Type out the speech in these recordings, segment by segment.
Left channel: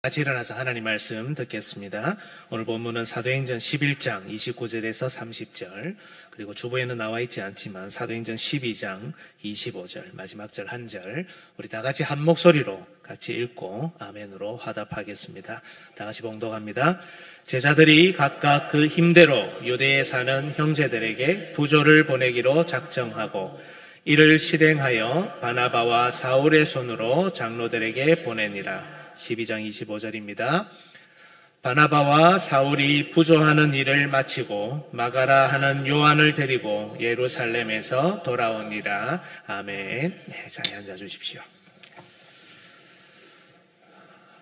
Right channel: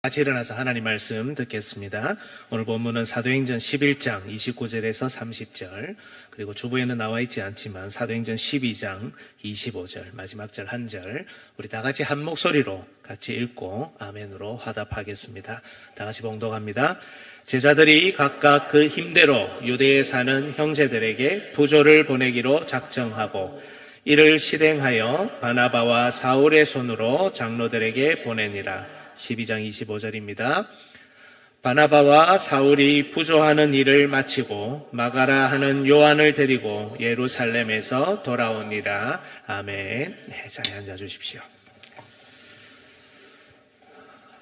같이 일어나서 하나님 말씀 듣겠습니다. 오늘 본문은 사도행전 11장 29절에서 30절, 그리고 주보에는 나와 있지 않지만 사도행전 12장 25절 마지막 절 한 절 우리 다 같이 한 목소리로 같이 읽고 아멘으로 화답하겠습니다. 다 같이 봉독합니다. 제자들이 각각 그 힘대로 유대에 사는 형제들에게 부조를 보내기로 작정하고 이를 실행하여 바나바와 사울의 손으로 장로들에게 보내니라. 12장 25절입니다. 바나바와 사울이 부조하는 일을 마치고 마가라 하는 요한을 데리고 예루살렘에서 돌아오니라. 아멘. 네, 자리에 앉아 주십시오.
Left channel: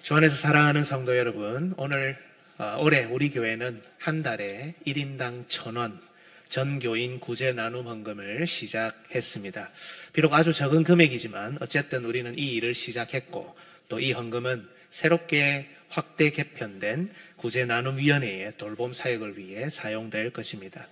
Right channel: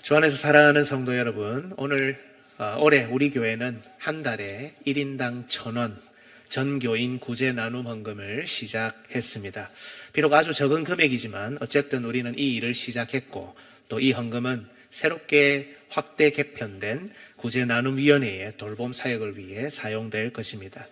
주 안에서 사랑하는 성도 여러분, 올해 우리 교회는 한 달에 1인당 1,000원 전교인 구제 나눔 헌금을 시작했습니다. 비록 아주 적은 금액이지만 어쨌든 우리는 이 일을 시작했고 또 이 헌금은 새롭게 확대 개편된 구제나눔위원회의 돌봄 사역을 위해 사용될 것입니다.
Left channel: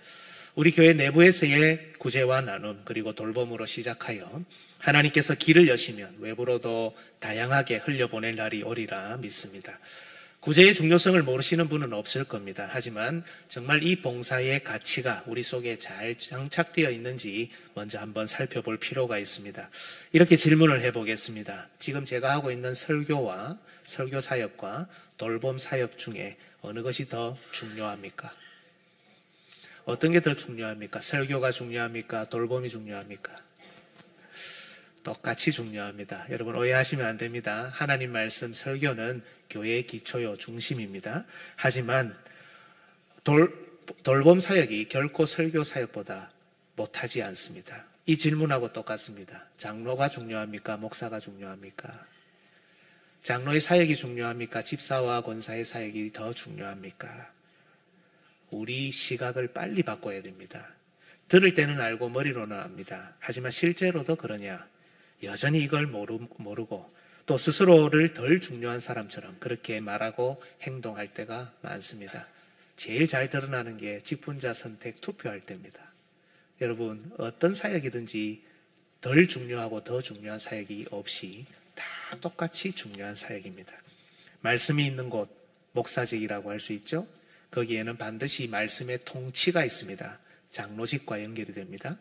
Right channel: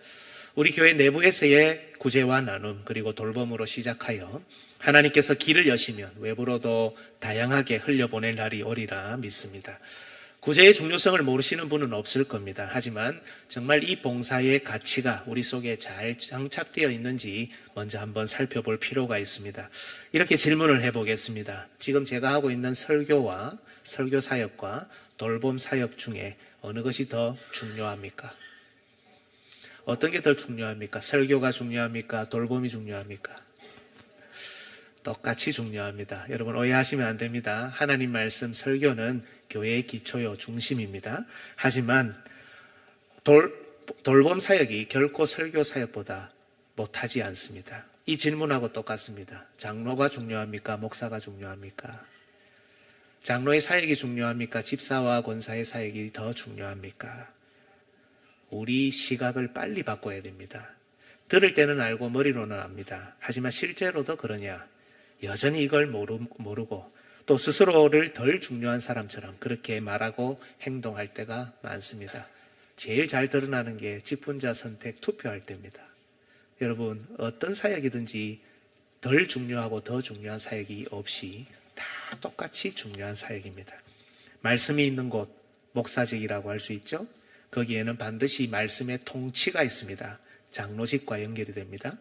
우리 교회 내부에서의 구제와 나눔 그리고 돌봄으로 시작하여 하나님께서 길을 여시면 외부로도 다양하게 흘려보낼 날이 오리라 믿습니다. 구제의 중요성을 모르시는 분은 없을 겁니다. 하지만 정말 이 봉사의 가치가 우리 속에 잘 장착되어 있는지 먼저 한번 살펴볼 필요가 있습니다. 이렇게 질문을 해보겠습니다. 지금 제가 하고 있는 설교와 설교 사역과 돌봄 사역 중에 어느 것이 더 중요합니까? 어떤 게 더 중요합니까? 설교가 중요합니까? 돌봄이 중요합니까? 똑같이 중요합니다. 여러분 오해하시면 안 됩니다. 하나님 말씀 설교는 교회의 기초요 중심입니다. 하지만 돌봄 사역이 결코 설교 사역보다 못하지 않습니다. 이 질문하고 똑같습니다. 장로가 중요합니까? 목사가 중요합니까? 장로의 사역이 중요합니까? 집사와 권사의 사역이 더 중요합니까? 우리 시각을 빨리 바꿔야 됩니다. 들을 때는 알고 머리로는 압니다. 하지만 실제로도 그러냐? 여전히 이걸 모르고 또 스스로를 덜 중요한 사람처럼 그렇게 말하고 행동할 때가 많습니다. 제일 잘 드러나는 게 직분자 선택 투표할 때입니다. 여러분 어떤 사역이든지 덜 중요하고 더 중요한 사역이 없이 다 똑같이 중요한 사역입니다. 말씀이 있는 곳 목사직이라고 할 수 있죠. 거기에는 반드시 말씀의 통치가 있습니다. 장로직과 연결이 됩니다.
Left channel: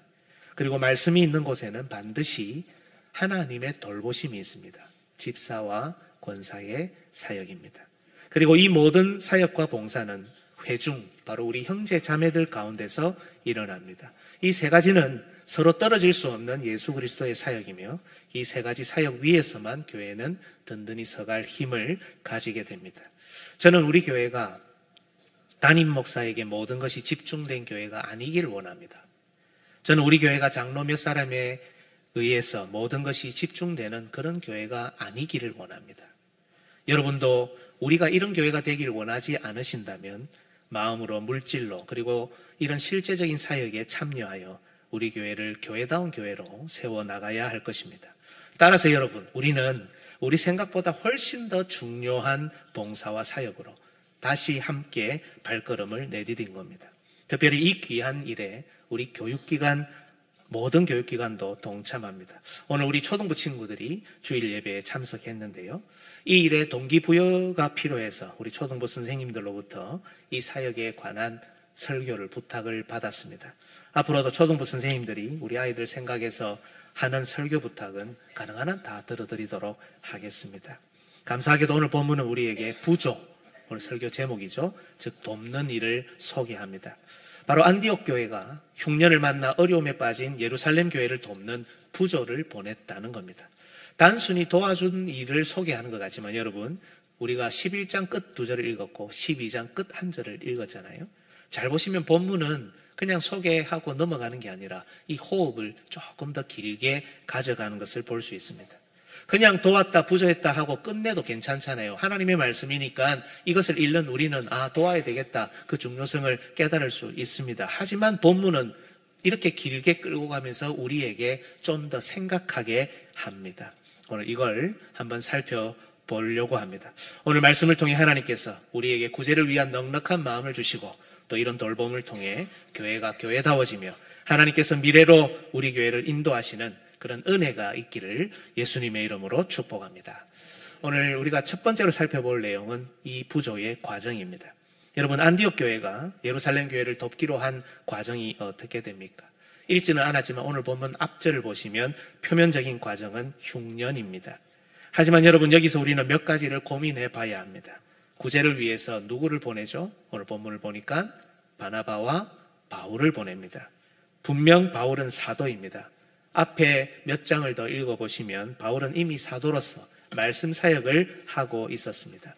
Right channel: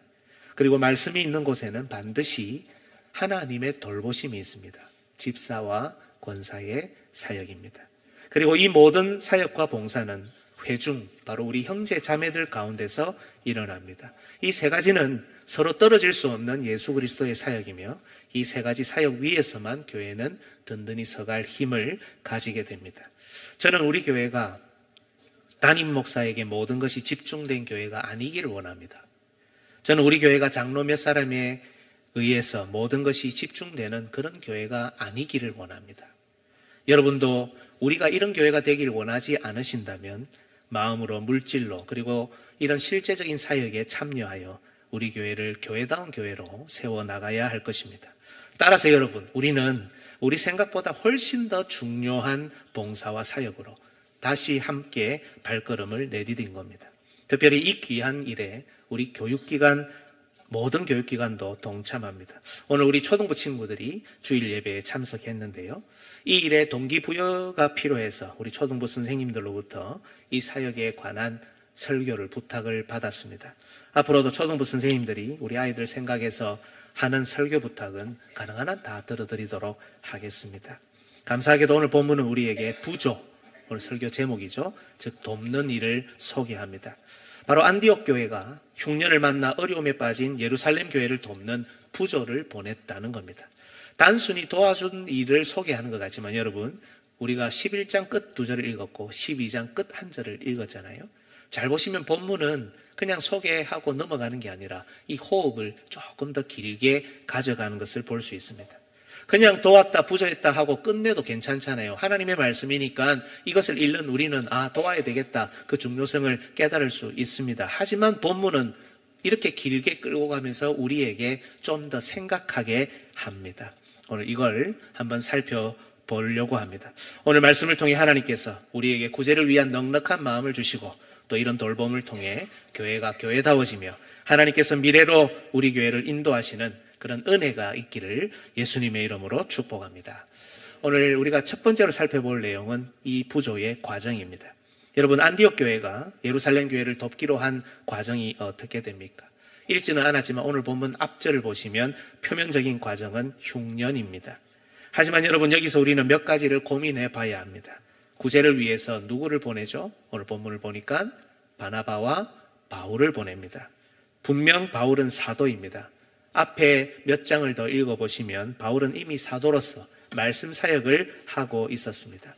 그리고 말씀이 있는 곳에는 반드시 하나님의 돌보심이 있습니다. 집사와 권사의 사역입니다. 그리고 이 모든 사역과 봉사는 회중, 바로 우리 형제 자매들 가운데서 일어납니다. 이 세 가지는 서로 떨어질 수 없는 예수 그리스도의 사역이며 이 세 가지 사역 위에서만 교회는 든든히 서갈 힘을 가지게 됩니다. 저는 우리 교회가 담임 목사에게 모든 것이 집중된 교회가 아니기를 원합니다. 저는 우리 교회가 장로 몇 사람에 의해서 모든 것이 집중되는 그런 교회가 아니기를 원합니다. 여러분도 우리가 이런 교회가 되길 원하지 않으신다면 마음으로 물질로 그리고 이런 실제적인 사역에 참여하여 우리 교회를 교회다운 교회로 세워나가야 할 것입니다. 따라서 여러분, 우리는 우리 생각보다 훨씬 더 중요한 봉사와 사역으로 다시 함께 발걸음을 내디딘 겁니다. 특별히 이 귀한 일에 우리 교육기관 모든 교육기관도 동참합니다. 오늘 우리 초등부 친구들이 주일 예배에 참석했는데요. 이 일에 동기부여가 필요해서 우리 초등부 선생님들로부터 이 사역에 관한 설교를 부탁을 받았습니다. 앞으로도 초등부 선생님들이 우리 아이들 생각해서 하는 설교 부탁은 가능한 한 다 들어드리도록 하겠습니다. 감사하게도 오늘 본문은 우리에게 부조, 오늘 설교 제목이죠. 즉 돕는 일을 소개합니다. 바로 안디옥 교회가 흉년을 만나 어려움에 빠진 예루살렘 교회를 돕는 부조를 보냈다는 겁니다. 단순히 도와준 일을 소개하는 것 같지만 여러분, 우리가 11장 끝 2절을 읽었고 12장 끝 1절을 읽었잖아요. 잘 보시면 본문은 그냥 소개하고 넘어가는 게 아니라 이 호흡을 조금 더 길게 가져가는 것을 볼 수 있습니다. 그냥 도왔다 부조했다 하고 끝내도 괜찮잖아요. 하나님의 말씀이니까 이것을 읽는 우리는 도와야 되겠다 그 중요성을 깨달을 수 있습니다. 하지만 본문은 이렇게 길게 끌고 가면서 우리에게 좀 더 생각하게 합니다. 오늘 이걸 한번 살펴보려고 합니다. 오늘 말씀을 통해 하나님께서 우리에게 구제를 위한 넉넉한 마음을 주시고 또 이런 돌봄을 통해 교회가 교회다워지며 하나님께서 미래로 우리 교회를 인도하시는 그런 은혜가 있기를 예수님의 이름으로 축복합니다. 오늘 우리가 첫 번째로 살펴볼 내용은 이 부조의 과정입니다. 여러분, 안디옥 교회가 예루살렘 교회를 돕기로 한 과정이 어떻게 됩니까? 읽지는 않았지만 오늘 본문 앞절을 보시면 표면적인 과정은 흉년입니다. 하지만 여러분, 여기서 우리는 몇 가지를 고민해 봐야 합니다. 구제를 위해서 누구를 보내죠? 오늘 본문을 보니까 바나바와 바울을 보냅니다. 분명 바울은 사도입니다. 앞에 몇 장을 더 읽어보시면 바울은 이미 사도로서 말씀 사역을 하고 있었습니다.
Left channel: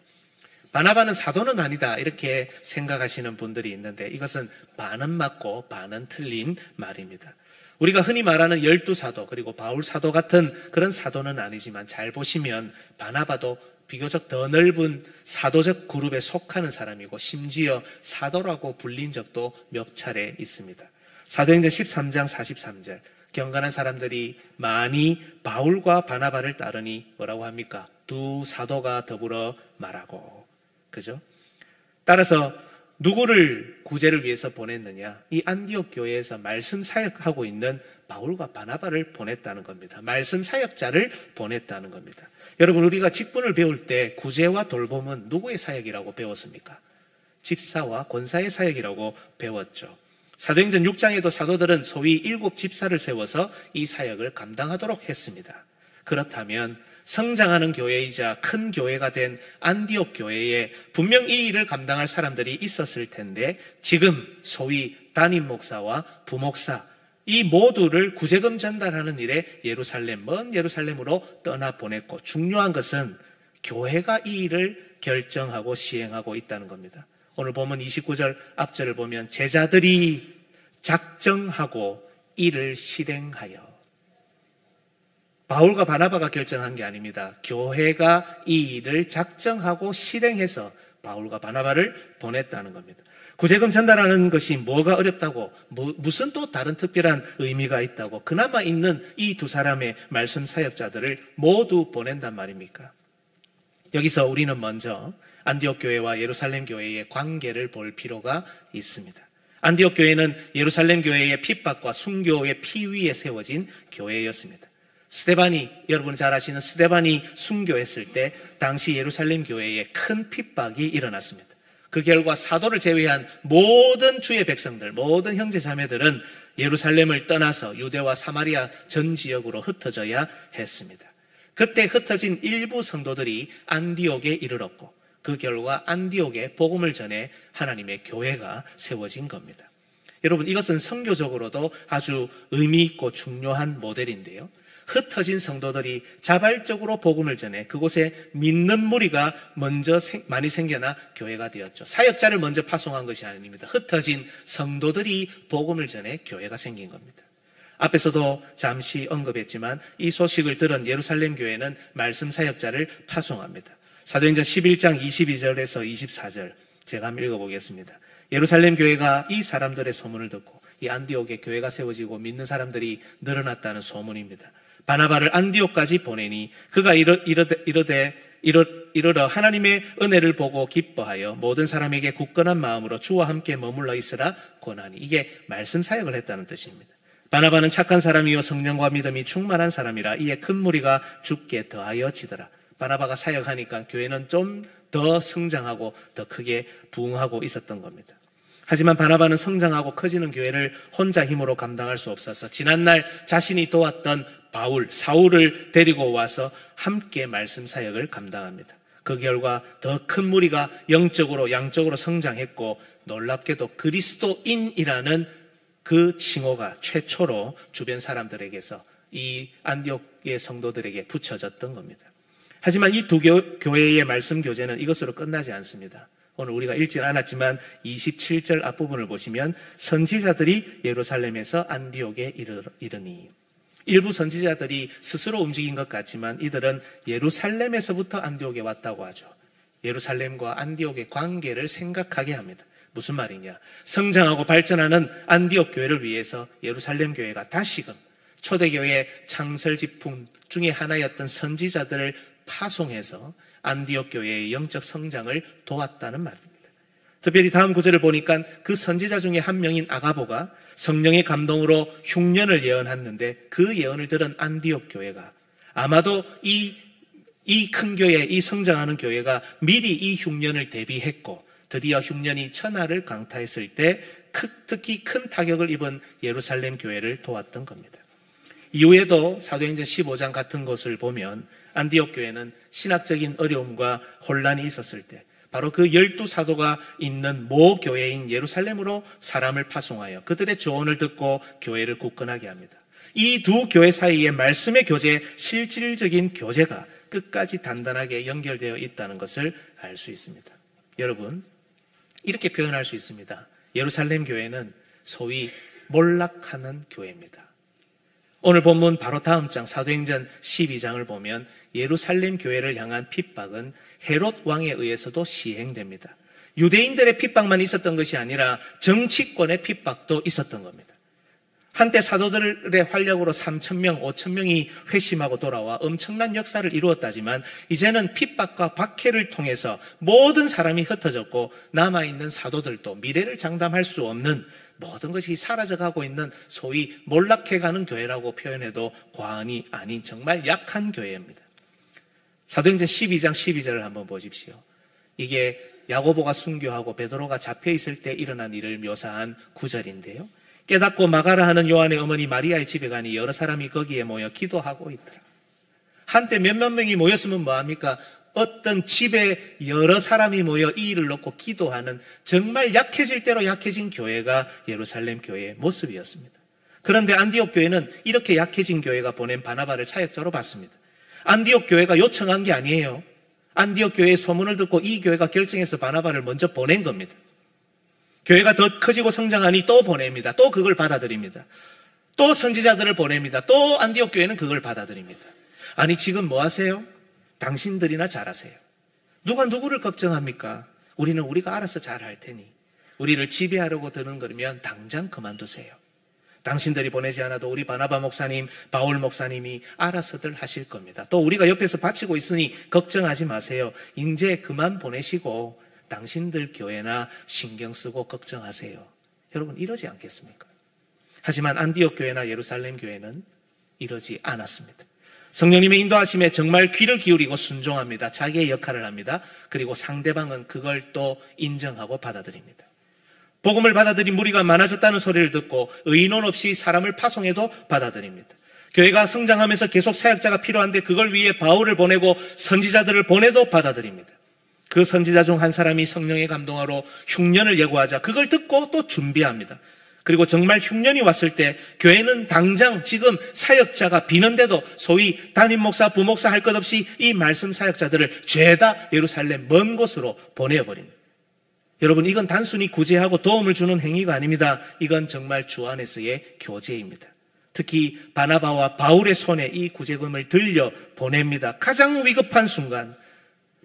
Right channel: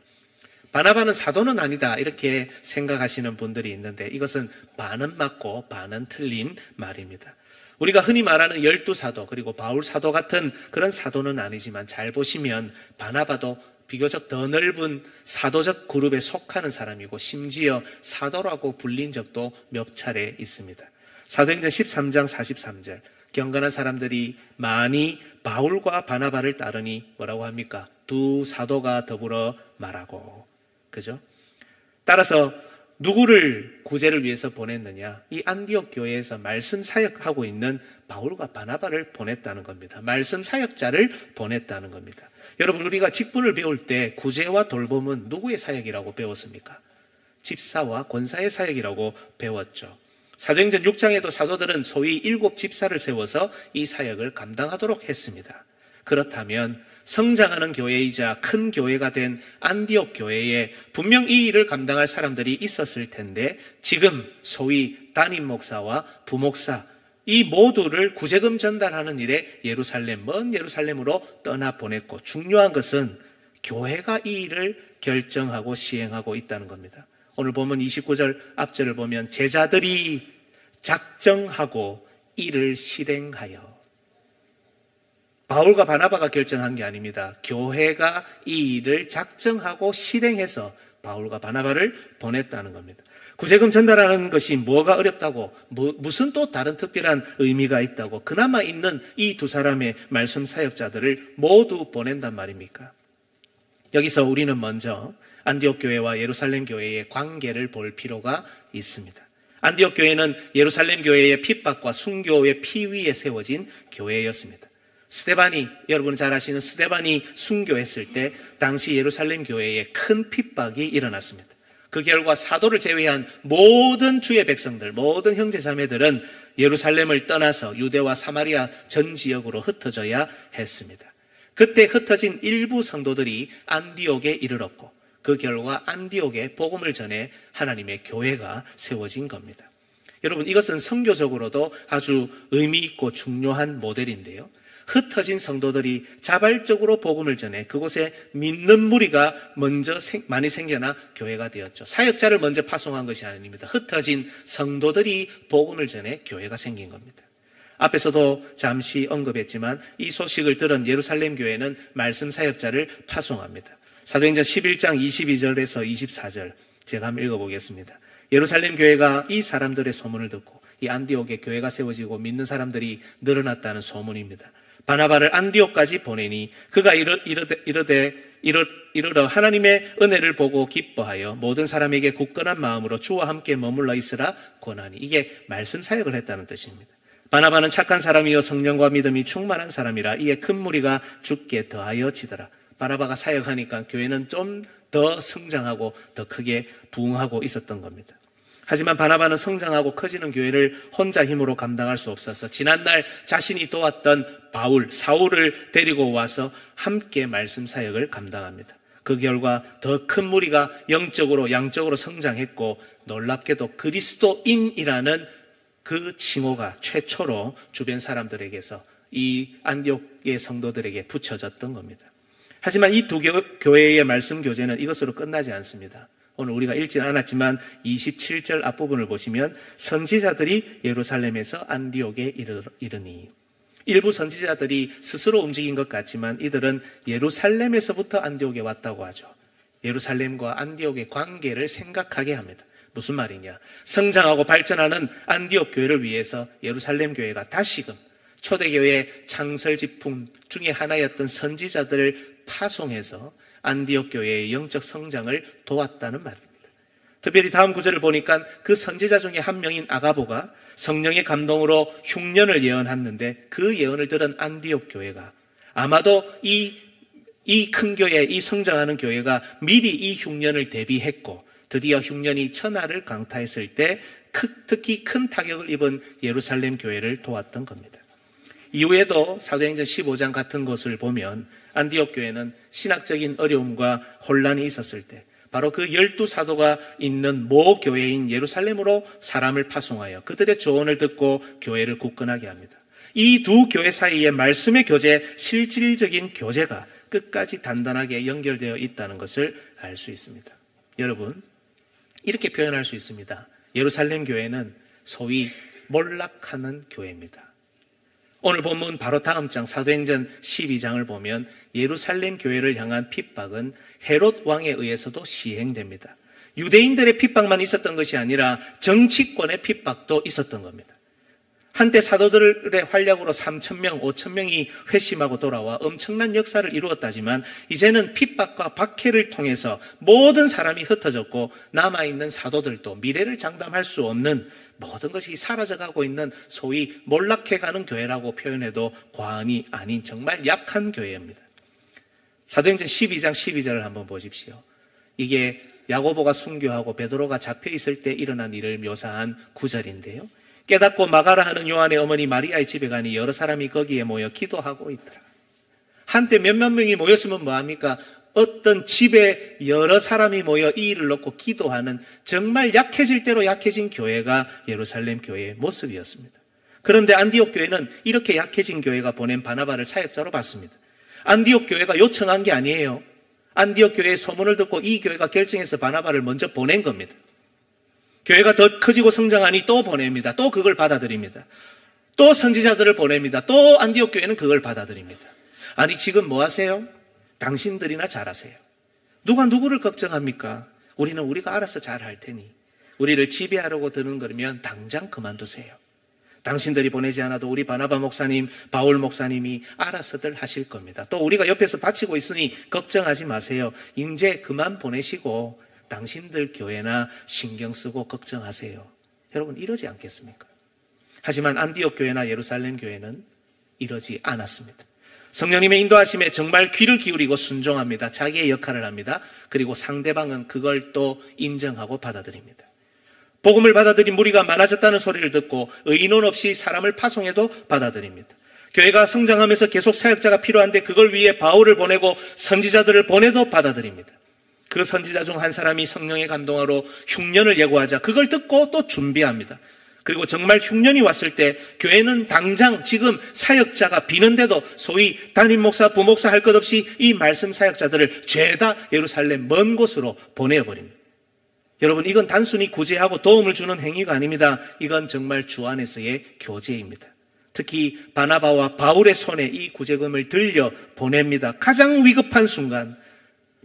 바나바는 사도는 아니다 이렇게 생각하시는 분들이 있는데 이것은 반은 맞고 반은 틀린 말입니다. 우리가 흔히 말하는 12사도 그리고 바울 사도 같은 그런 사도는 아니지만 잘 보시면 바나바도 비교적 더 넓은 사도적 그룹에 속하는 사람이고 심지어 사도라고 불린 적도 몇 차례 있습니다. 사도행전 13장 43절 경건한 사람들이 많이 바울과 바나바를 따르니 뭐라고 합니까? 두 사도가 더불어 말하고. 그죠? 따라서 누구를 구제를 위해서 보냈느냐? 이 안디옥 교회에서 말씀 사역하고 있는 바울과 바나바를 보냈다는 겁니다. 말씀 사역자를 보냈다는 겁니다. 여러분, 우리가 직분을 배울 때 구제와 돌봄은 누구의 사역이라고 배웠습니까? 집사와 권사의 사역이라고 배웠죠. 사도행전 6장에도 사도들은 소위 7 집사를 세워서 이 사역을 감당하도록 했습니다. 그렇다면 성장하는 교회이자 큰 교회가 된 안디옥 교회에 분명 이 일을 감당할 사람들이 있었을 텐데 지금 소위 담임 목사와 부목사 이 모두를 구제금 전달하는 일에 먼 예루살렘으로 떠나보냈고 중요한 것은 교회가 이 일을 결정하고 시행하고 있다는 겁니다. 오늘 보면 29절 앞절을 보면 제자들이 작정하고 이를 실행하여. 바울과 바나바가 결정한 게 아닙니다. 교회가 이 일을 작정하고 실행해서 바울과 바나바를 보냈다는 겁니다. 구제금 전달하는 것이 뭐가 어렵다고, 무슨 또 다른 특별한 의미가 있다고 그나마 있는 이 두 사람의 말씀 사역자들을 모두 보낸단 말입니까? 여기서 우리는 먼저 안디옥 교회와 예루살렘 교회의 관계를 볼 필요가 있습니다. 안디옥 교회는 예루살렘 교회의 핍박과 순교의 피위에 세워진 교회였습니다. 여러분 잘 아시는 스데반이 순교했을 때 당시 예루살렘 교회에 큰 핍박이 일어났습니다. 그 결과 사도를 제외한 모든 주의 백성들, 모든 형제 자매들은 예루살렘을 떠나서 유대와 사마리아 전 지역으로 흩어져야 했습니다. 그때 흩어진 일부 성도들이 안디옥에 이르렀고 그 결과 안디옥에 복음을 전해 하나님의 교회가 세워진 겁니다. 여러분, 이것은 선교적으로도 아주 의미 있고 중요한 모델인데요. 흩어진 성도들이 자발적으로 복음을 전해 그곳에 믿는 무리가 먼저 많이 생겨나 교회가 되었죠. 사역자를 먼저 파송한 것이 아닙니다. 흩어진 성도들이 복음을 전해 교회가 생긴 겁니다. 앞에서도 잠시 언급했지만 이 소식을 들은 예루살렘 교회는 말씀 사역자를 파송합니다. 사도행전 11장 22절에서 24절 제가 한번 읽어보겠습니다. 예루살렘 교회가 이 사람들의 소문을 듣고 이 안디옥에 교회가 세워지고 믿는 사람들이 늘어났다는 소문입니다. 바나바를 안디옥까지 보내니 그가 이르러 하나님의 은혜를 보고 기뻐하여 모든 사람에게 굳건한 마음으로 주와 함께 머물러 있으라 권하니. 이게 말씀 사역을 했다는 뜻입니다. 바나바는 착한 사람이요 성령과 믿음이 충만한 사람이라 이에 큰 무리가 죽게 더하여 지더라. 바나바가 사역하니까 교회는 좀 더 성장하고 더 크게 부흥하고 있었던 겁니다. 하지만 바나바는 성장하고 커지는 교회를 혼자 힘으로 감당할 수 없어서 지난날 자신이 도왔던 사울을 데리고 와서 함께 말씀 사역을 감당합니다. 그 결과 더 큰 무리가 영적으로 양적으로 성장했고 놀랍게도 그리스도인이라는 그 칭호가 최초로 주변 사람들에게서 이 안디옥의 성도들에게 붙여졌던 겁니다. 하지만 이 두 교회의 말씀 교제는 이것으로 끝나지 않습니다. 오늘 우리가 읽지는 않았지만 27절 앞부분을 보시면 선지자들이 예루살렘에서 안디옥에 이르니. 일부 선지자들이 스스로 움직인 것 같지만 이들은 예루살렘에서부터 안디옥에 왔다고 하죠. 예루살렘과 안디옥의 관계를 생각하게 합니다. 무슨 말이냐? 성장하고 발전하는 안디옥 교회를 위해서 예루살렘 교회가 다시금 초대교회의 창설 지품 중에 하나였던 선지자들을 파송해서 안디옥 교회의 영적 성장을 도왔다는 말입니다. 특별히 다음 구절을 보니까 그 선지자 중에 한 명인 아가보가 성령의 감동으로 흉년을 예언했는데 그 예언을 들은 안디옥 교회가 아마도 이 이 큰 교회, 이 성장하는 교회가 미리 이 흉년을 대비했고 드디어 흉년이 천하를 강타했을 때 특히 큰 타격을 입은 예루살렘 교회를 도왔던 겁니다. 이후에도 사도행전 15장 같은 것을 보면 안디옥 교회는 신학적인 어려움과 혼란이 있었을 때 바로 그 12사도가 있는 모 교회인 예루살렘으로 사람을 파송하여 그들의 조언을 듣고 교회를 굳건하게 합니다. 이 두 교회 사이의 말씀의 교제, 실질적인 교제가 끝까지 단단하게 연결되어 있다는 것을 알 수 있습니다. 여러분, 이렇게 표현할 수 있습니다. 예루살렘 교회는 소위 몰락하는 교회입니다. 오늘 본문 바로 다음 장 사도행전 12장을 보면 예루살렘 교회를 향한 핍박은 헤롯 왕에 의해서도 시행됩니다. 유대인들의 핍박만 있었던 것이 아니라 정치권의 핍박도 있었던 겁니다. 한때 사도들의 활약으로 3,000명, 5,000명이 회심하고 돌아와 엄청난 역사를 이루었다지만 이제는 핍박과 박해를 통해서 모든 사람이 흩어졌고 남아있는 사도들도 미래를 장담할 수 없는 모든 것이 사라져가고 있는 소위 몰락해가는 교회라고 표현해도 과언이 아닌 정말 약한 교회입니다. 사도행전 12장 12절을 한번 보십시오. 이게 야고보가 순교하고 베드로가 잡혀있을 때 일어난 일을 묘사한 구절인데요. 깨닫고 마가라 하는 요한의 어머니 마리아의 집에 가니 여러 사람이 거기에 모여 기도하고 있더라. 한때 몇몇 명이 모였으면 뭐합니까? 어떤 집에 여러 사람이 모여 이 일을 놓고 기도하는 정말 약해질 대로 약해진 교회가 예루살렘 교회의 모습이었습니다. 그런데 안디옥 교회는 이렇게 약해진 교회가 보낸 바나바를 사역자로 받습니다. 안디옥 교회가 요청한 게 아니에요. 안디옥 교회의 소문을 듣고 이 교회가 결정해서 바나바를 먼저 보낸 겁니다. 교회가 더 커지고 성장하니 또 보냅니다. 또 그걸 받아들입니다. 또 선지자들을 보냅니다. 또 안디옥 교회는 그걸 받아들입니다. 아니 지금 뭐 하세요? 당신들이나 잘하세요. 누가 누구를 걱정합니까? 우리는 우리가 알아서 잘할 테니 우리를 지배하려고 드는 거면 당장 그만두세요. 당신들이 보내지 않아도 우리 바나바 목사님, 바울 목사님이 알아서들 하실 겁니다. 또 우리가 옆에서 바치고 있으니 걱정하지 마세요. 이제 그만 보내시고 당신들 교회나 신경 쓰고 걱정하세요. 여러분 이러지 않겠습니까? 하지만 안디옥 교회나 예루살렘 교회는 이러지 않았습니다. 성령님의 인도하심에 정말 귀를 기울이고 순종합니다. 자기의 역할을 합니다. 그리고 상대방은 그걸 또 인정하고 받아들입니다. 복음을 받아들인 무리가 많아졌다는 소리를 듣고 의논 없이 사람을 파송해도 받아들입니다. 교회가 성장하면서 계속 사역자가 필요한데 그걸 위해 바울을 보내고 선지자들을 보내도 받아들입니다. 그 선지자 중 한 사람이 성령의 감동하로 흉년을 예고하자 그걸 듣고 또 준비합니다. 그리고 정말 흉년이 왔을 때 교회는 당장 지금 사역자가 비는데도 소위 담임 목사, 부목사 할 것 없이 이 말씀 사역자들을 죄다 예루살렘 먼 곳으로 보내어버립니다. 여러분 이건 단순히 구제하고 도움을 주는 행위가 아닙니다. 이건 정말 주 안에서의 교제입니다. 특히 바나바와 바울의 손에 이 구제금을 들려 보냅니다. 가장 위급한 순간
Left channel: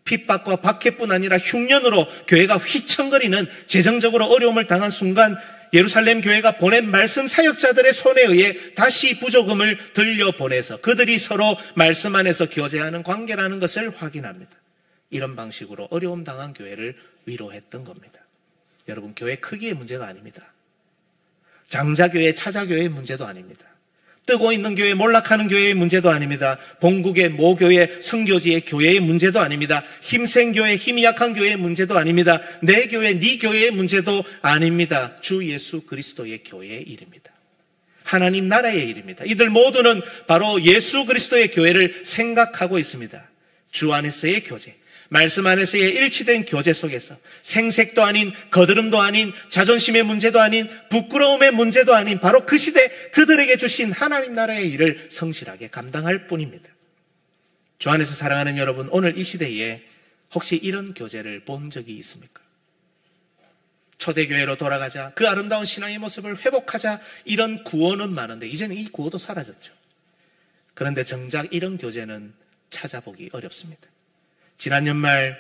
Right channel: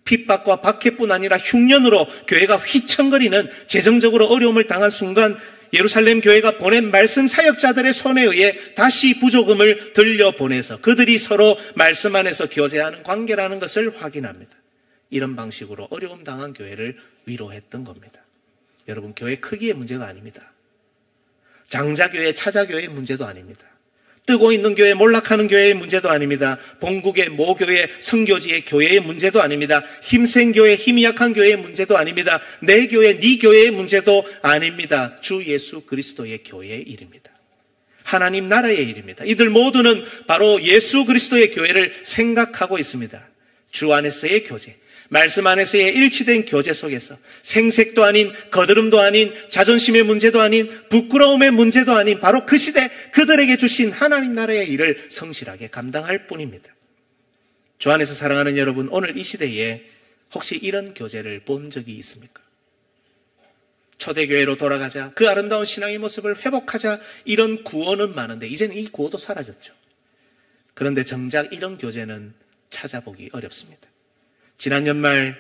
핍박과 박해뿐 아니라 흉년으로 교회가 휘청거리는 재정적으로 어려움을 당한 순간 예루살렘 교회가 보낸 말씀 사역자들의 손에 의해 다시 부조금을 들려보내서 그들이 서로 말씀 안에서 교제하는 관계라는 것을 확인합니다. 이런 방식으로 어려움 당한 교회를 위로했던 겁니다. 여러분 교회 크기의 문제가 아닙니다. 장자교회, 차자교회의 문제도 아닙니다. 뜨고 있는 교회, 몰락하는 교회의 문제도 아닙니다. 본국의 모교회, 선교지의 교회의 문제도 아닙니다. 힘센 교회, 힘이 약한 교회의 문제도 아닙니다. 내 교회, 네 교회의 문제도 아닙니다. 주 예수 그리스도의 교회의 일입니다. 하나님 나라의 일입니다. 이들 모두는 바로 예수 그리스도의 교회를 생각하고 있습니다. 주 안에서의 교제, 말씀 안에서의 일치된 교제 속에서 생색도 아닌, 거드름도 아닌, 자존심의 문제도 아닌, 부끄러움의 문제도 아닌 바로 그 시대 그들에게 주신 하나님 나라의 일을 성실하게 감당할 뿐입니다. 주 안에서 사랑하는 여러분, 오늘 이 시대에 혹시 이런 교제를 본 적이 있습니까? 초대교회로 돌아가자, 그 아름다운 신앙의 모습을 회복하자, 이런 구호는 많은데 이제는 이 구호도 사라졌죠. 그런데 정작 이런 교제는 찾아보기 어렵습니다. 지난 연말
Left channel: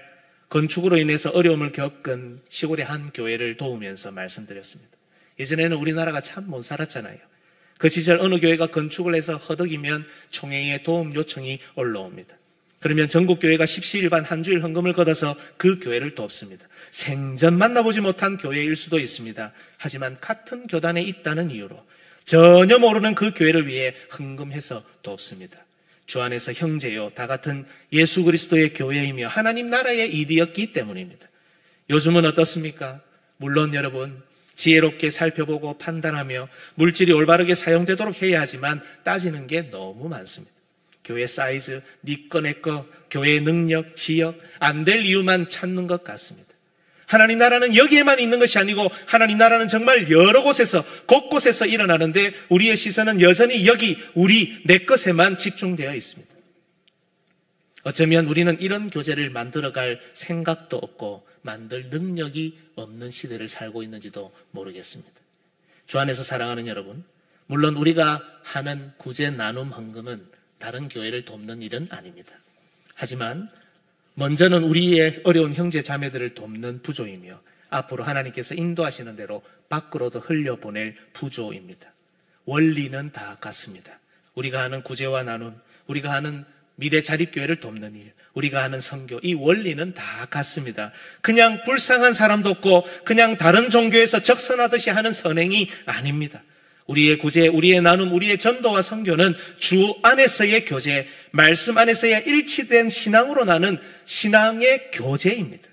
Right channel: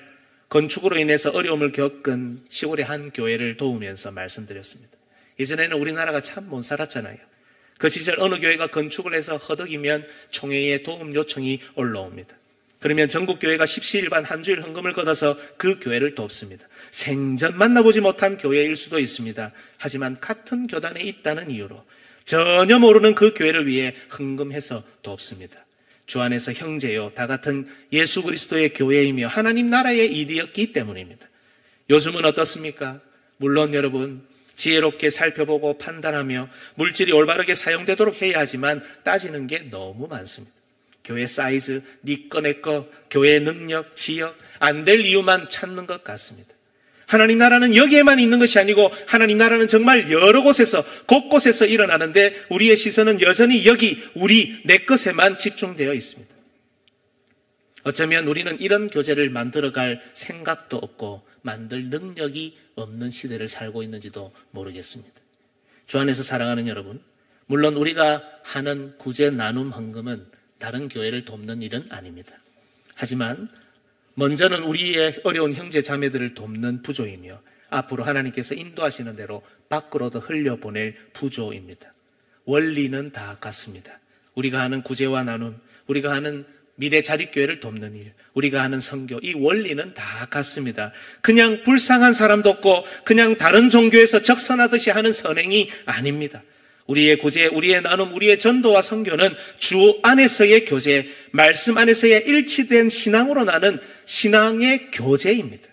건축으로 인해서 어려움을 겪은 시골의 한 교회를 도우면서 말씀드렸습니다. 예전에는 우리나라가 참 못 살았잖아요. 그 시절 어느 교회가 건축을 해서 허덕이면 총회에 도움 요청이 올라옵니다. 그러면 전국교회가 십시일반 한 주일 헌금을 걷어서 그 교회를 돕습니다. 생전 만나보지 못한 교회일 수도 있습니다. 하지만 같은 교단에 있다는 이유로 전혀 모르는 그 교회를 위해 헌금해서 돕습니다. 주 안에서 형제요 다 같은 예수 그리스도의 교회이며 하나님 나라의 일이었기 때문입니다. 요즘은 어떻습니까? 물론 여러분 지혜롭게 살펴보고 판단하며 물질이 올바르게 사용되도록 해야 하지만 따지는 게 너무 많습니다. 교회 사이즈, 네 거 내 거, 교회의 능력, 지역, 안 될 이유만 찾는 것 같습니다. 하나님 나라는 여기에만 있는 것이 아니고 하나님 나라는 정말 여러 곳에서 곳곳에서 일어나는데 우리의 시선은 여전히 여기 우리 내 것에만 집중되어 있습니다. 어쩌면 우리는 이런 교제를 만들어갈 생각도 없고 만들 능력이 없는 시대를 살고 있는지도 모르겠습니다. 주 안에서 사랑하는 여러분, 물론 우리가 하는 구제 나눔 헌금은 다른 교회를 돕는 일은 아닙니다. 하지만 먼저는 우리의 어려운 형제 자매들을 돕는 부조이며 앞으로 하나님께서 인도하시는 대로 밖으로도 흘려보낼 부조입니다. 원리는 다 같습니다. 우리가 하는 구제와 나눔, 우리가 하는 미래 자립교회를 돕는 일, 우리가 하는 선교, 이 원리는 다 같습니다. 그냥 불쌍한 사람도 없고 그냥 다른 종교에서 적선하듯이 하는 선행이 아닙니다. 우리의 구제, 우리의 나눔, 우리의 전도와 선교는 주 안에서의 교제, 말씀 안에서의 일치된 신앙으로 나는 신앙의 교제입니다.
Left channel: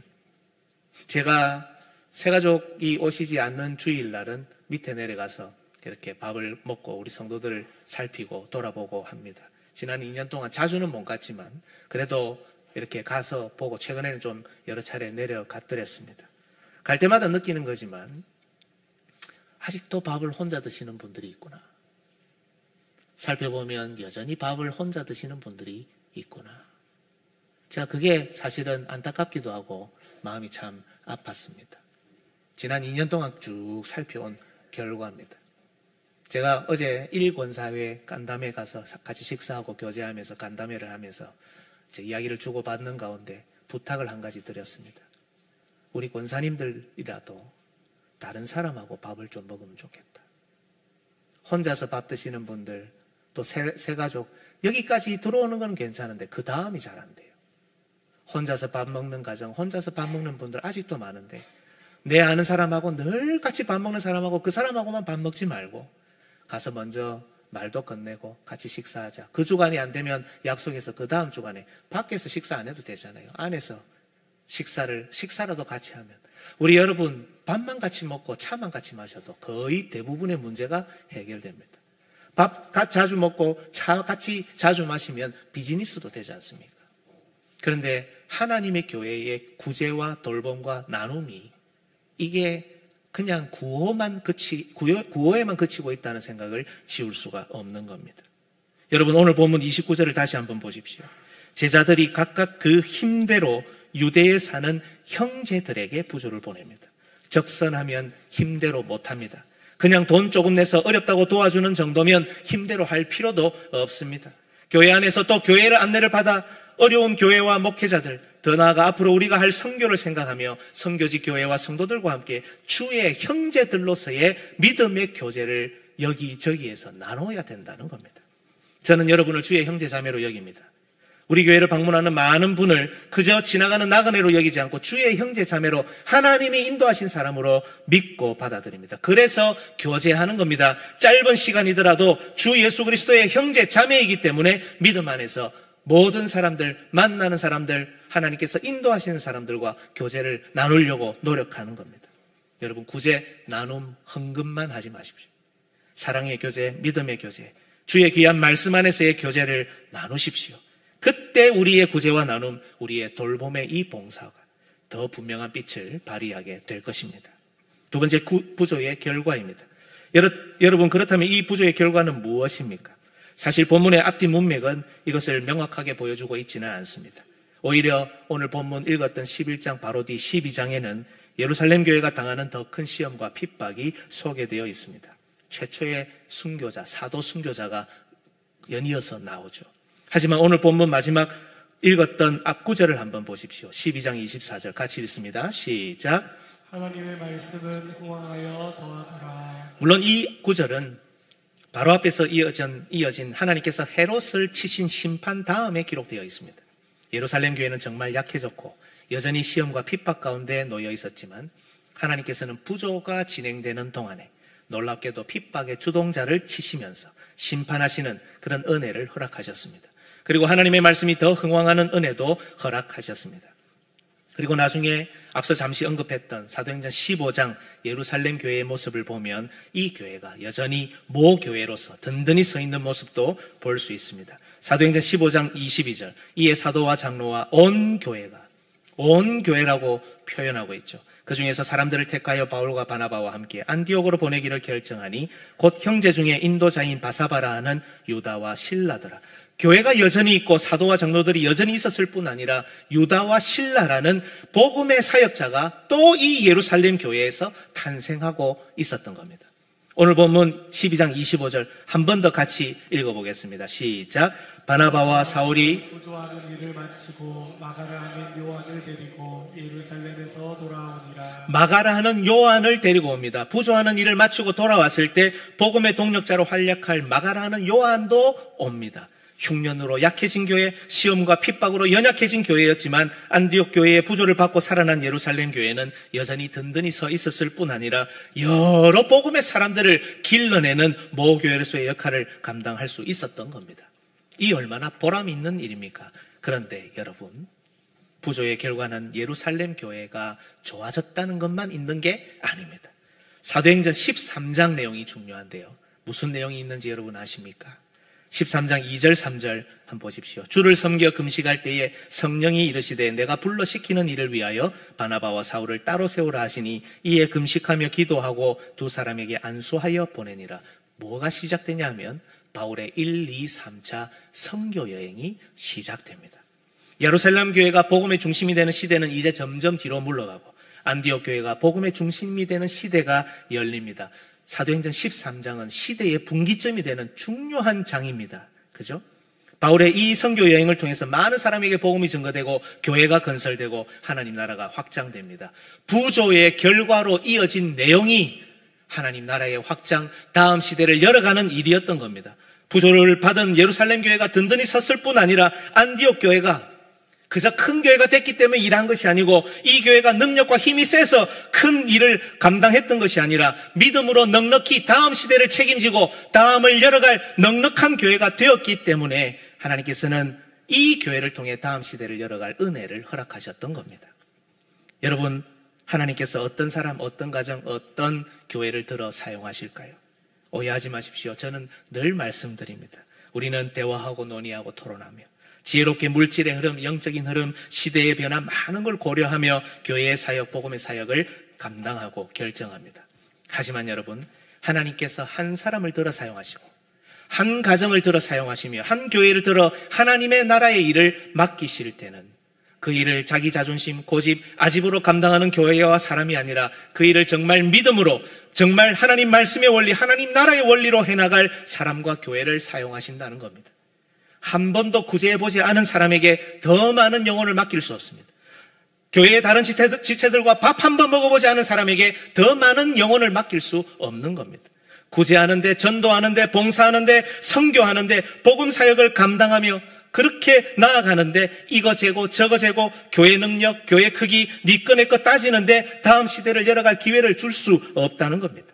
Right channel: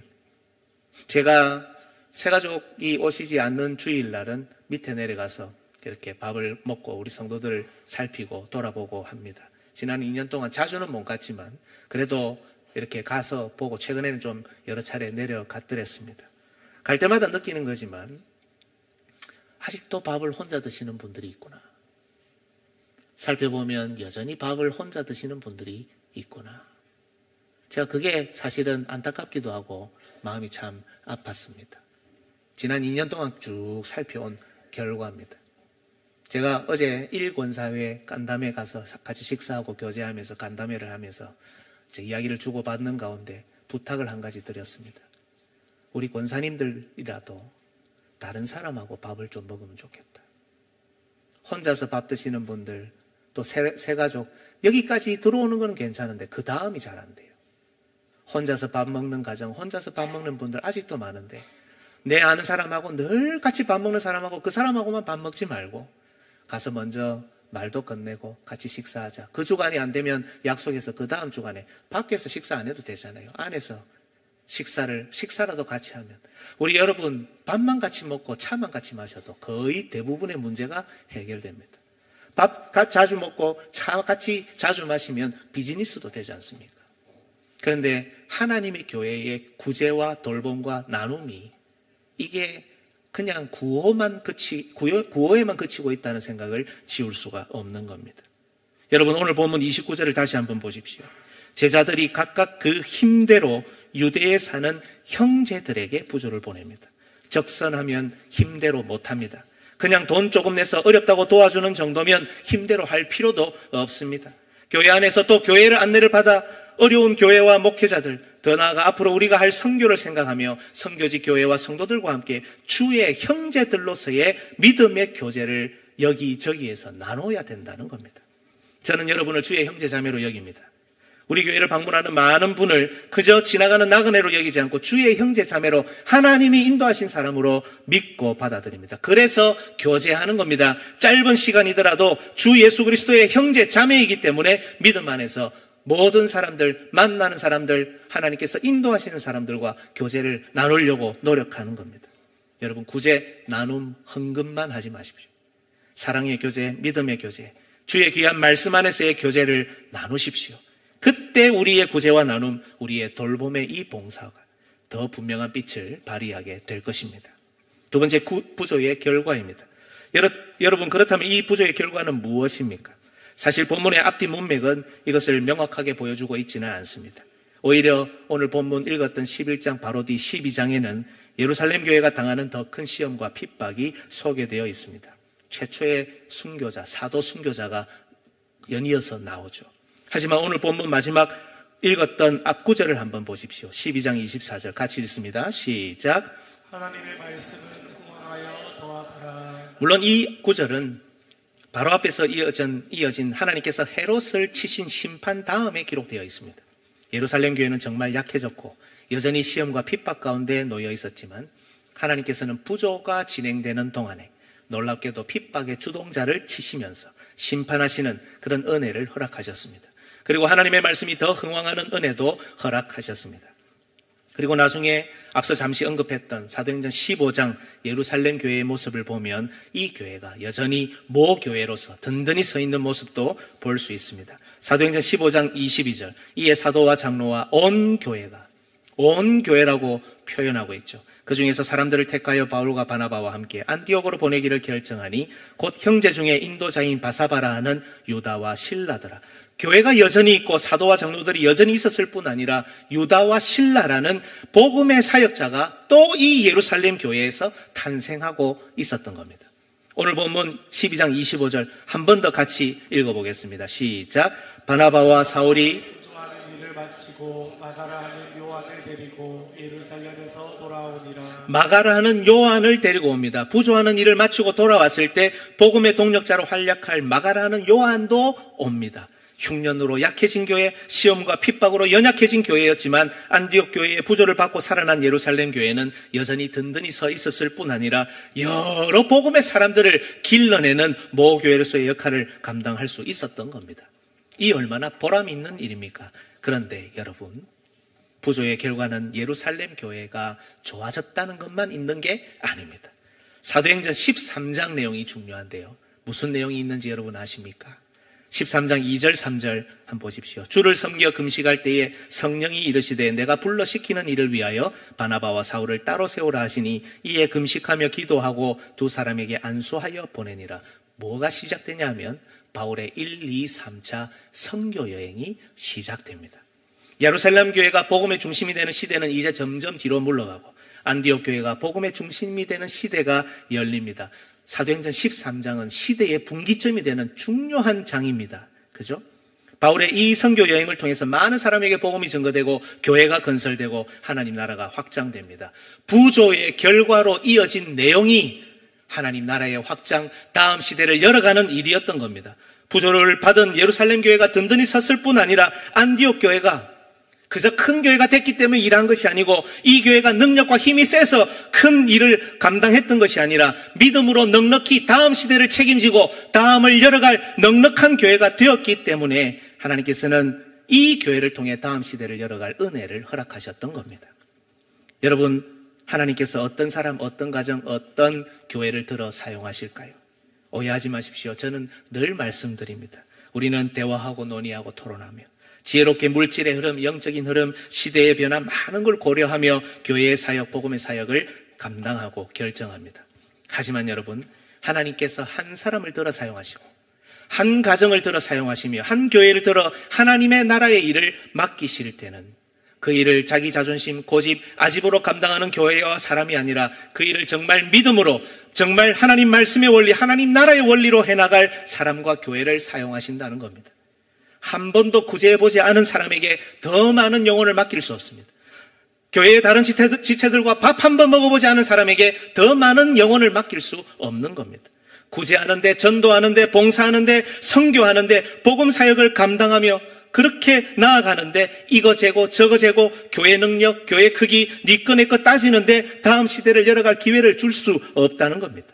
제가 새가족이 오시지 않는 주일날은 밑에 내려가서 이렇게 밥을 먹고 우리 성도들을 살피고 돌아보고 합니다. 지난 2년 동안 자주는 못 갔지만 그래도 이렇게 가서 보고 최근에는 좀 여러 차례 내려갔더랬습니다. 갈 때마다 느끼는 거지만 아직도 밥을 혼자 드시는 분들이 있구나. 살펴보면 여전히 밥을 혼자 드시는 분들이 있구나. 제가 그게 사실은 안타깝기도 하고 마음이 참 아팠습니다. 지난 2년 동안 쭉 살펴온 결과입니다. 제가 어제 1권사회 간담회 가서 같이 식사하고 교제하면서 간담회를 하면서 제 이야기를 주고받는 가운데 부탁을 한 가지 드렸습니다. 우리 권사님들이라도 다른 사람하고 밥을 좀 먹으면 좋겠다. 혼자서 밥 드시는 분들, 또 새 가족, 여기까지 들어오는 건 괜찮은데 그 다음이 잘 안 돼요. 혼자서 밥 먹는 가정, 혼자서 밥 먹는 분들 아직도 많은데 내 아는 사람하고 늘 같이 밥 먹는 사람하고 그 사람하고만 밥 먹지 말고 가서 먼저 말도 건네고 같이 식사하자. 그 주간이 안 되면 약속해서 그 다음 주간에 밖에서 식사 안 해도 되잖아요. 안에서 식사라도 같이 하면 우리 여러분 밥만 같이 먹고 차만 같이 마셔도 거의 대부분의 문제가 해결됩니다. 밥 자주 먹고 차 같이 자주 마시면 비즈니스도 되지 않습니까? 그런데 하나님의 교회의 구제와 돌봄과 나눔이 이게 그냥 구호에만 그치고 있다는 생각을 지울 수가 없는 겁니다. 여러분 오늘 본문 29절을 다시 한번 보십시오. 제자들이 각각 그 힘대로 유대에 사는 형제들에게 부조를 보냅니다. 적선하면 힘대로 못합니다. 그냥 돈 조금 내서 어렵다고 도와주는 정도면 힘대로 할 필요도 없습니다. 교회 안에서 또 교회를 안내를 받아 어려운 교회와 목회자들, 더 나아가 앞으로 우리가 할 선교를 생각하며 선교지 교회와 성도들과 함께 주의 형제들로서의 믿음의 교제를 여기저기에서 나눠야 된다는 겁니다. 저는 여러분을 주의 형제 자매로 여깁니다. 우리 교회를 방문하는 많은 분을 그저 지나가는 나그네로 여기지 않고 주의 형제 자매로 하나님이 인도하신 사람으로 믿고 받아들입니다. 그래서 교제하는 겁니다. 짧은 시간이더라도 주 예수 그리스도의 형제 자매이기 때문에 믿음 안에서 모든 사람들, 만나는 사람들, 하나님께서 인도하시는 사람들과 교제를 나누려고 노력하는 겁니다. 여러분 구제, 나눔, 헌금만 하지 마십시오. 사랑의 교제, 믿음의 교제, 주의 귀한 말씀 안에서의 교제를 나누십시오. 그때 우리의 구제와 나눔, 우리의 돌봄의 이 봉사가 더 분명한 빛을 발휘하게 될 것입니다. 두 번째 부조의 결과입니다. 여러분 그렇다면 이 부조의 결과는 무엇입니까? 사실 본문의 앞뒤 문맥은 이것을 명확하게 보여주고 있지는 않습니다. 오히려 오늘 본문 읽었던 11장 바로 뒤 12장에는 예루살렘 교회가 당하는 더 큰 시험과 핍박이 소개되어 있습니다. 최초의 순교자, 사도 순교자가 연이어서 나오죠. 하지만 오늘 본문 마지막 읽었던 앞구절을 한번 보십시오. 12장 24절 같이 읽습니다. 시작. 하나님의 말씀은 흥왕하여 더하더라. 물론 이 구절은 바로 앞에서 이어진 하나님께서 헤롯을 치신 심판 다음에 기록되어 있습니다. 예루살렘 교회는 정말 약해졌고 여전히 시험과 핍박 가운데 놓여 있었지만 하나님께서는 부조가 진행되는 동안에 놀랍게도 핍박의 주동자를 치시면서 심판하시는 그런 은혜를 허락하셨습니다. 그리고 하나님의 말씀이 더 흥왕하는 은혜도 허락하셨습니다. 그리고 나중에 앞서 잠시 언급했던 사도행전 15장 예루살렘 교회의 모습을 보면 이 교회가 여전히 모교회로서 든든히 서 있는 모습도 볼 수 있습니다. 사도행전 15장 22절, 이에 사도와 장로와 온 교회가, 온 교회라고 표현하고 있죠. 그 중에서 사람들을 택하여 바울과 바나바와 함께 안디옥으로 보내기를 결정하니 곧 형제 중에 인도자인 바사바라 하는 유다와 실라더라. 교회가 여전히 있고 사도와 장로들이 여전히 있었을 뿐 아니라 유다와 실라라는 복음의 사역자가 또 이 예루살렘 교회에서 탄생하고 있었던 겁니다. 오늘 본문 12장 25절 한 번 더 같이 읽어보겠습니다. 시작. 바나바와 사울이 부조하는 일을 마치고 마가라 하는 요한을 데리고 예루살렘에서 돌아오니라. 마가라 하는 요한을 데리고 옵니다. 부조하는 일을 마치고 돌아왔을 때 복음의 동력자로 활약할 마가라 하는 요한도 옵니다. 흉년으로 약해진 교회, 시험과 핍박으로 연약해진 교회였지만 안디옥 교회의 부조를 받고 살아난 예루살렘 교회는 여전히 든든히 서 있었을 뿐 아니라 여러 복음의 사람들을 길러내는 모교회로서의 역할을 감당할 수 있었던 겁니다. 이 얼마나 보람 있는 일입니까? 그런데 여러분, 부조의 결과는 예루살렘 교회가 좋아졌다는 것만 있는 게 아닙니다. 사도행전 13장 내용이 중요한데요. 무슨 내용이 있는지 여러분 아십니까? 13장 2절 3절 한번 보십시오. 주를 섬겨 금식할 때에 성령이 이르시되 내가 불러 시키는 일을 위하여 바나바와 사울을 따로 세우라 하시니 이에 금식하며 기도하고 두 사람에게 안수하여 보내니라. 뭐가 시작되냐 하면 바울의 1, 2, 3차 선교 여행이 시작됩니다. 예루살렘 교회가 복음의 중심이 되는 시대는 이제 점점 뒤로 물러가고 안디옥 교회가 복음의 중심이 되는 시대가 열립니다. 사도행전 13장은 시대의 분기점이 되는 중요한 장입니다. 그죠? 바울의 이 선교 여행을 통해서 많은 사람에게 복음이 증거되고 교회가 건설되고 하나님 나라가 확장됩니다. 부조의 결과로 이어진 내용이 하나님 나라의 확장, 다음 시대를 열어가는 일이었던 겁니다. 부조를 받은 예루살렘 교회가 든든히 섰을 뿐 아니라 안디옥 교회가 그저 큰 교회가 됐기 때문에 일한 것이 아니고 이 교회가 능력과 힘이 세서 큰 일을 감당했던 것이 아니라 믿음으로 넉넉히 다음 시대를 책임지고 다음을 열어갈 넉넉한 교회가 되었기 때문에 하나님께서는 이 교회를 통해 다음 시대를 열어갈 은혜를 허락하셨던 겁니다. 여러분, 하나님께서 어떤 사람, 어떤 가정, 어떤 교회를 들어 사용하실까요? 오해하지 마십시오. 저는 늘 말씀드립니다. 우리는 대화하고 논의하고 토론하며 지혜롭게 물질의 흐름, 영적인 흐름, 시대의 변화 많은 걸 고려하며 교회의 사역, 복음의 사역을 감당하고 결정합니다. 하지만 여러분, 하나님께서 한 사람을 들어 사용하시고 한 가정을 들어 사용하시며 한 교회를 들어 하나님의 나라의 일을 맡기실 때는 그 일을 자기 자존심, 고집, 아집으로 감당하는 교회와 사람이 아니라 그 일을 정말 믿음으로 정말 하나님 말씀의 원리, 하나님 나라의 원리로 해나갈 사람과 교회를 사용하신다는 겁니다. 한 번도 구제해보지 않은 사람에게 더 많은 영혼을 맡길 수 없습니다. 교회의 다른 지체들과 밥 한 번 먹어보지 않은 사람에게 더 많은 영혼을 맡길 수 없는 겁니다. 구제하는데, 전도하는데, 봉사하는데, 선교하는데, 복음 사역을 감당하며 그렇게 나아가는데 이거 재고 저거 재고 교회 능력, 교회 크기, 네 거 내 거 따지는데 다음 시대를 열어갈 기회를 줄 수 없다는 겁니다.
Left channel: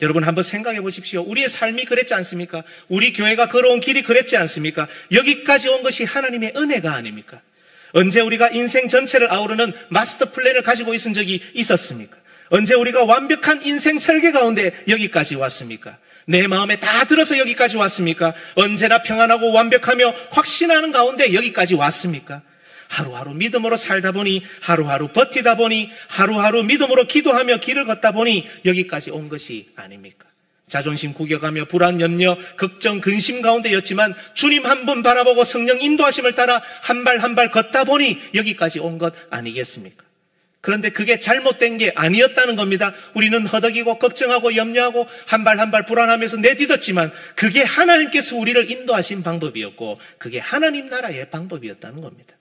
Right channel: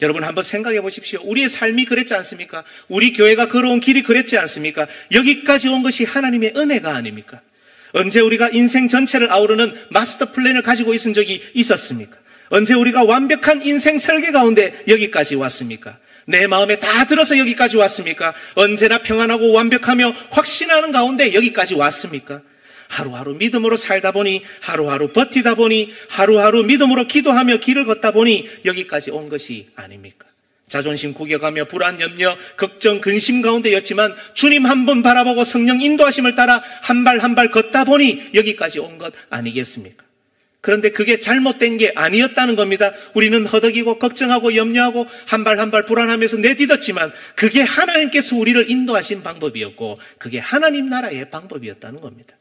여러분 한번 생각해 보십시오. 우리의 삶이 그랬지 않습니까? 우리 교회가 걸어온 길이 그랬지 않습니까? 여기까지 온 것이 하나님의 은혜가 아닙니까? 언제 우리가 인생 전체를 아우르는 마스터 플랜을 가지고 있은 적이 있었습니까? 언제 우리가 완벽한 인생 설계 가운데 여기까지 왔습니까? 내 마음에 다 들어서 여기까지 왔습니까? 언제나 평안하고 완벽하며 확신하는 가운데 여기까지 왔습니까? 하루하루 믿음으로 살다 보니, 하루하루 버티다 보니, 하루하루 믿음으로 기도하며 길을 걷다 보니 여기까지 온 것이 아닙니까? 자존심 구겨가며 불안, 염려, 걱정, 근심 가운데였지만 주님 한 번 바라보고 성령 인도하심을 따라 한 발 한 발 걷다 보니 여기까지 온 것 아니겠습니까? 그런데 그게 잘못된 게 아니었다는 겁니다. 우리는 허덕이고 걱정하고 염려하고 한 발 한 발 불안하면서 내딛었지만 그게 하나님께서 우리를 인도하신 방법이었고 그게 하나님 나라의 방법이었다는 겁니다.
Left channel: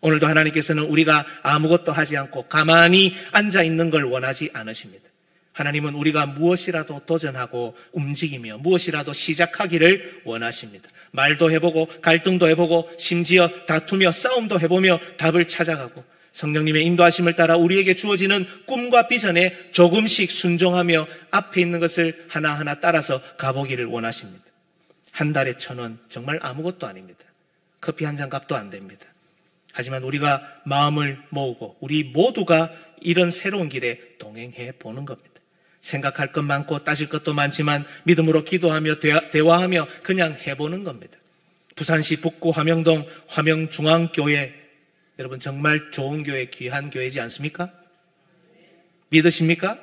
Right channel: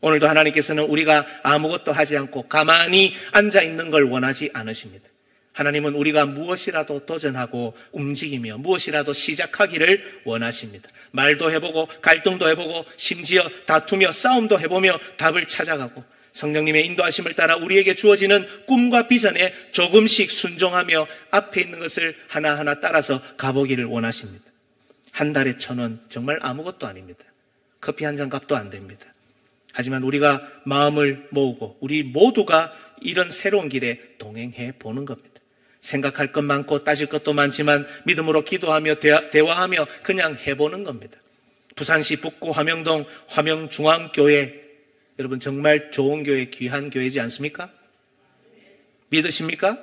오늘도 하나님께서는 우리가 아무것도 하지 않고 가만히 앉아있는 걸 원하지 않으십니다. 하나님은 우리가 무엇이라도 도전하고 움직이며 무엇이라도 시작하기를 원하십니다. 말도 해보고 갈등도 해보고 심지어 다투며 싸움도 해보며 답을 찾아가고 성령님의 인도하심을 따라 우리에게 주어지는 꿈과 비전에 조금씩 순종하며 앞에 있는 것을 하나하나 따라서 가보기를 원하십니다. 한 달에 1,000원 정말 아무것도 아닙니다. 커피 한 잔 값도 안 됩니다. 하지만 우리가 마음을 모으고 우리 모두가 이런 새로운 길에 동행해 보는 겁니다. 생각할 것 많고 따질 것도 많지만 믿음으로 기도하며 대화하며 그냥 해보는 겁니다. 부산시 북구 화명동 화명중앙교회, 여러분 정말 좋은 교회, 귀한 교회지 않습니까? 믿으십니까?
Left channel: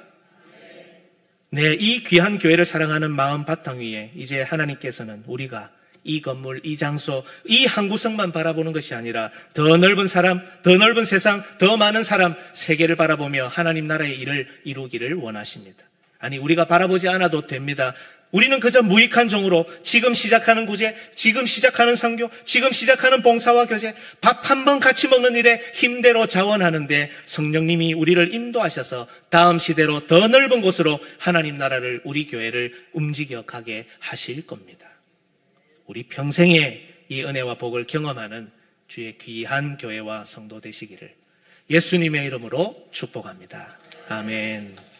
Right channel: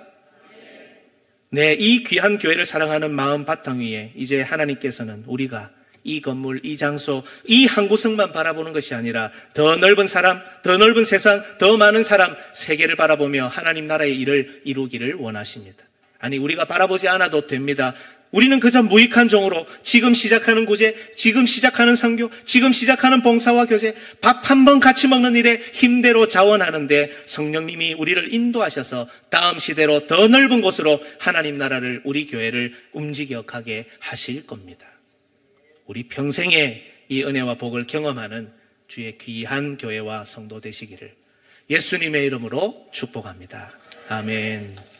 네, 이 귀한 교회를 사랑하는 마음 바탕 위에 이제 하나님께서는 우리가 이 건물, 이 장소, 이 한 구석만 바라보는 것이 아니라 더 넓은 사람, 더 넓은 세상, 더 많은 사람, 세계를 바라보며 하나님 나라의 일을 이루기를 원하십니다. 아니, 우리가 바라보지 않아도 됩니다. 우리는 그저 무익한 종으로 지금 시작하는 구제, 지금 시작하는 선교, 지금 시작하는 봉사와 교제, 밥 한 번 같이 먹는 일에 힘대로 자원하는데 성령님이 우리를 인도하셔서 다음 시대로 더 넓은 곳으로 하나님 나라를, 우리 교회를 움직여 가게 하실 겁니다. 우리 평생에 이 은혜와 복을 경험하는 주의 귀한 교회와 성도 되시기를 예수님의 이름으로 축복합니다. 아멘.